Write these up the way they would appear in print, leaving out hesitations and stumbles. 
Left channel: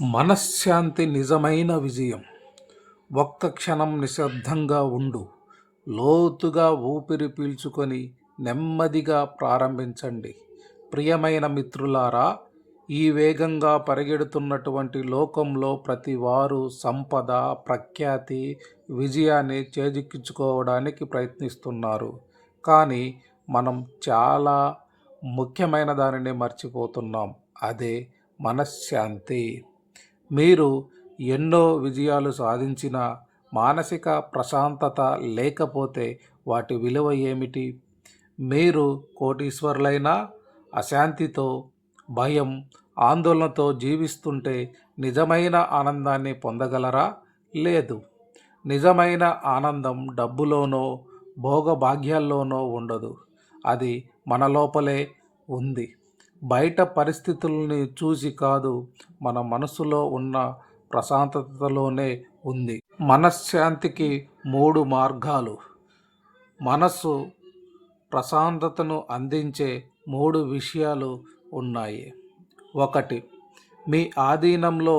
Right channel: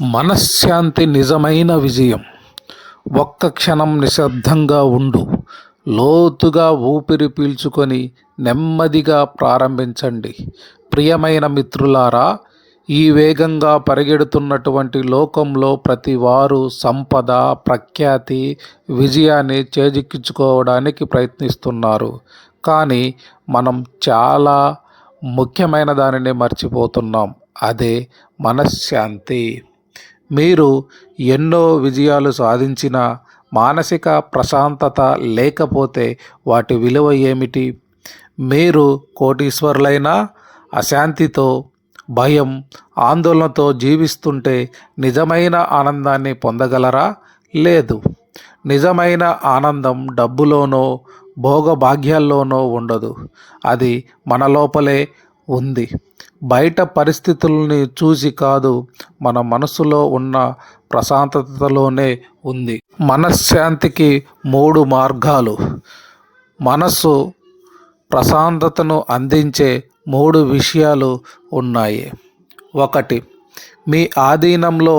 మనశ్శాంతి నిజమైన విజయం. ఒక్క క్షణం నిశ్శబ్దంగా ఉండు. లోతుగా ఊపిరి పీల్చుకొని నెమ్మదిగా ప్రారంభించండి. ప్రియమైన మిత్రులారా, ఈ వేగంగా పరిగెడుతున్నటువంటి లోకంలో ప్రతి వారు సంపద, ప్రఖ్యాతి, విజయాన్ని చేజిక్కించుకోవడానికి ప్రయత్నిస్తున్నారు. కానీ మనం చాలా ముఖ్యమైన దానిని మర్చిపోతున్నాం. అదే మనశ్శాంతి. మీరు ఎన్నో విజయాలు సాధించినా మానసిక ప్రశాంతత లేకపోతే వాటి విలువ ఏమిటి? మీరు కోటీశ్వరులైనా అశాంతితో, భయం, ఆందోళనతో జీవిస్తుంటే నిజమైన ఆనందాన్ని పొందగలరా? లేదు. నిజమైన ఆనందం డబ్బులోనో, భోగభాగ్యాల్లోనో ఉండదు. అది మన లోపలే ఉంది. బయట పరిస్థితుల్ని చూసి కాదు, మన మనసులో ఉన్న ప్రశాంతతలోనే ఉంది. మనశ్శాంతికి 3 మార్గాలు. మనస్సు ప్రశాంతతను అందించే 3 విషయాలు ఉన్నాయి. 1. మీ ఆధీనంలో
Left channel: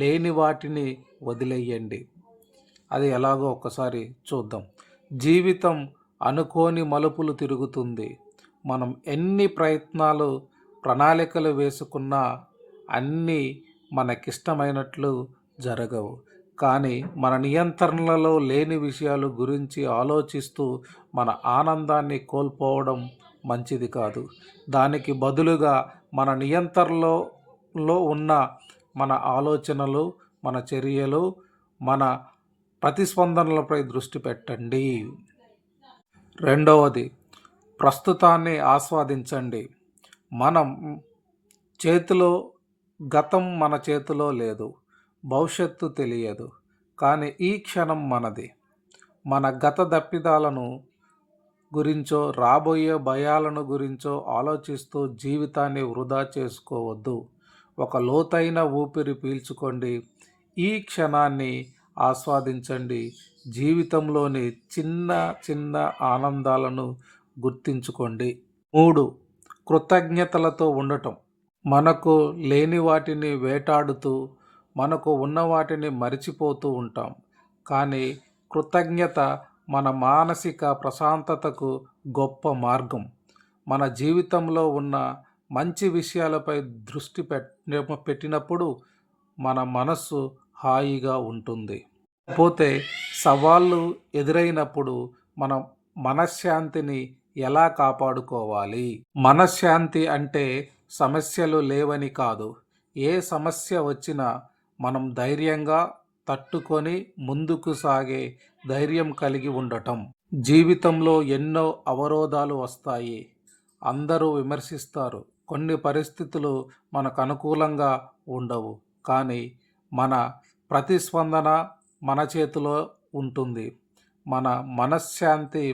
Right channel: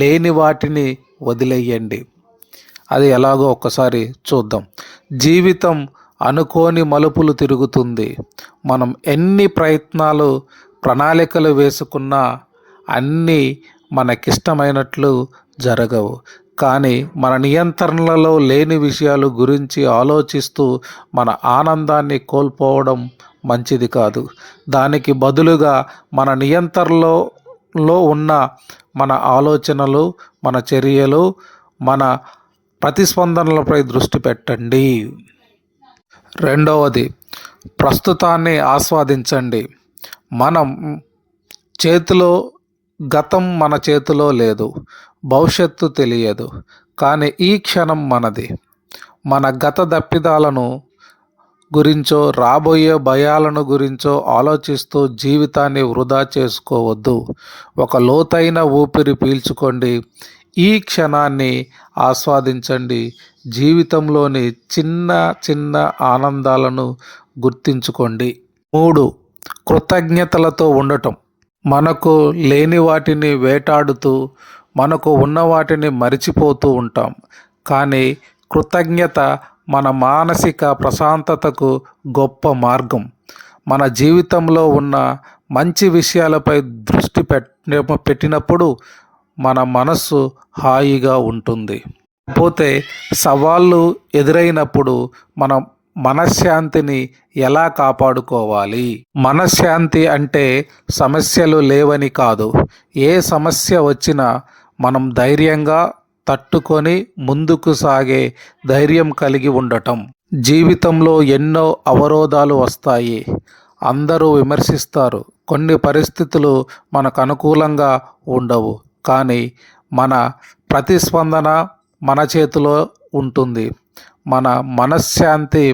లేని వాటిని వదిలేయండి. అది ఎలాగో ఒక్కసారి చూద్దాం. జీవితం అనుకోని మలుపులు తిరుగుతుంది. మనం ఎన్ని ప్రయత్నాలు, ప్రణాళికలు వేసుకున్నా అన్నీ మనకిష్టమైనట్లు జరగవు. కానీ మన నియంత్రణలో లేని విషయాల గురించి ఆలోచిస్తూ మన ఆనందాన్ని కోల్పోవడం మంచిది కాదు. దానికి బదులుగా మన నియంత్రణలో ఉన్న మన ఆలోచనలు, మన చర్యలు, మన ప్రతిస్పందనలపై దృష్టి పెట్టండి. 2. ప్రస్తుతాన్ని ఆస్వాదించండి. గతం మన చేతిలో లేదు, భవిష్యత్తు తెలియదు. కానీ ఈ క్షణం మనది. మన గత తప్పిదాలను గురించో, రాబోయే భయాలను గురించో ఆలోచిస్తూ జీవితాన్ని వృధా చేసుకోవద్దు. ఒక లోతైన ఊపిరి పీల్చుకోండి. ఈ క్షణాన్ని ఆస్వాదించండి. జీవితంలోని చిన్న చిన్న ఆనందాలను గుర్తించుకోండి. 3. కృతజ్ఞతలతో ఉండటం. మనకు లేని వాటిని వేటాడుతూ, మనకు ఉన్న వాటిని మరిచిపోతూ ఉంటాం. కానీ కృతజ్ఞత మన మానసిక ప్రశాంతతకు గొప్ప మార్గం. మన జీవితంలో ఉన్న మంచి విషయాలపై దృష్టి పెట్టినప్పుడు మన మనస్సు హాయిగా ఉంటుంది. పోతే సవాళ్ళు ఎదురైనప్పుడు మన మనశ్శాంతిని ఎలా కాపాడుకోవాలి? మనశ్శాంతి అంటే సమస్యలు లేవని కాదు. ఏ సమస్య వచ్చినా మనం ధైర్యంగా తట్టుకొని ముందుకు సాగే ధైర్యం కలిగి ఉండటం. జీవితంలో ఎన్నో అవరోధాలు వస్తాయి. అందరూ విమర్శిస్తారు. కొన్ని పరిస్థితులు మనకు అనుకూలంగా ఉండవు. కానీ మన ప్రతిస్పందన మన చేతిలో ఉంటుంది. మన మనశ్శాంతి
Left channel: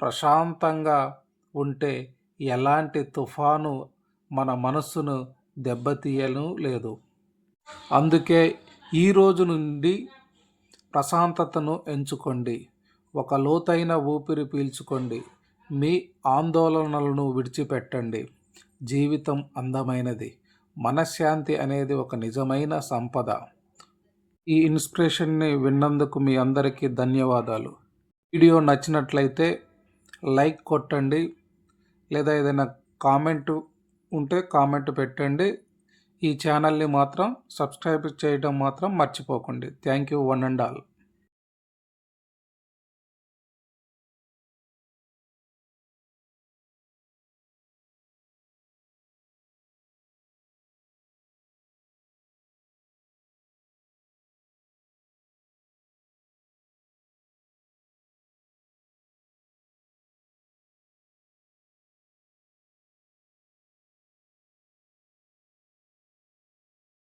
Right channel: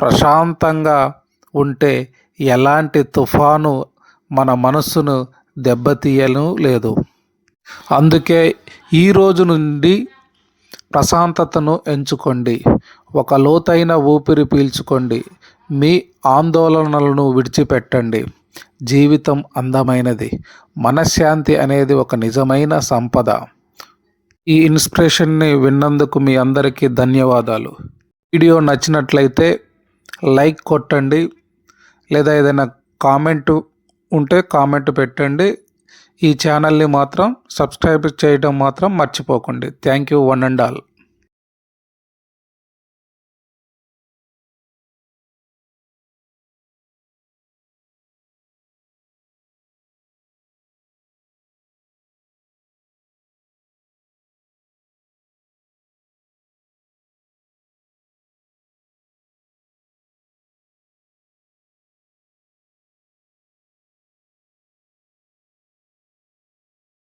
ప్రశాంతంగా ఉంటే ఎలాంటి తుఫాను మన మనస్సును దెబ్బతీయను లేదు. అందుకే ఈ రోజు నుండి ప్రశాంతతను ఎంచుకోండి. ఒక లోతైన ఊపిరి పీల్చుకోండి. మీ ఆందోళనలను విడిచిపెట్టండి. జీవితం అందమైనది. మనశ్శాంతి అనేది ఒక నిజమైన సంపద. ఈ ఇన్స్పిరేషన్ని విన్నందుకు మీ అందరికీ ధన్యవాదాలు. వీడియో నచ్చినట్లయితే లైక్ కొట్టండి, లేదా ఏదైనా కామెంట్ ఉంటే కామెంట్ పెట్టండి. ఈ ఛానల్ని మాత్రం సబ్స్క్రైబ్ చేయడం మాత్రం మర్చిపోకండి. Thank you one and all.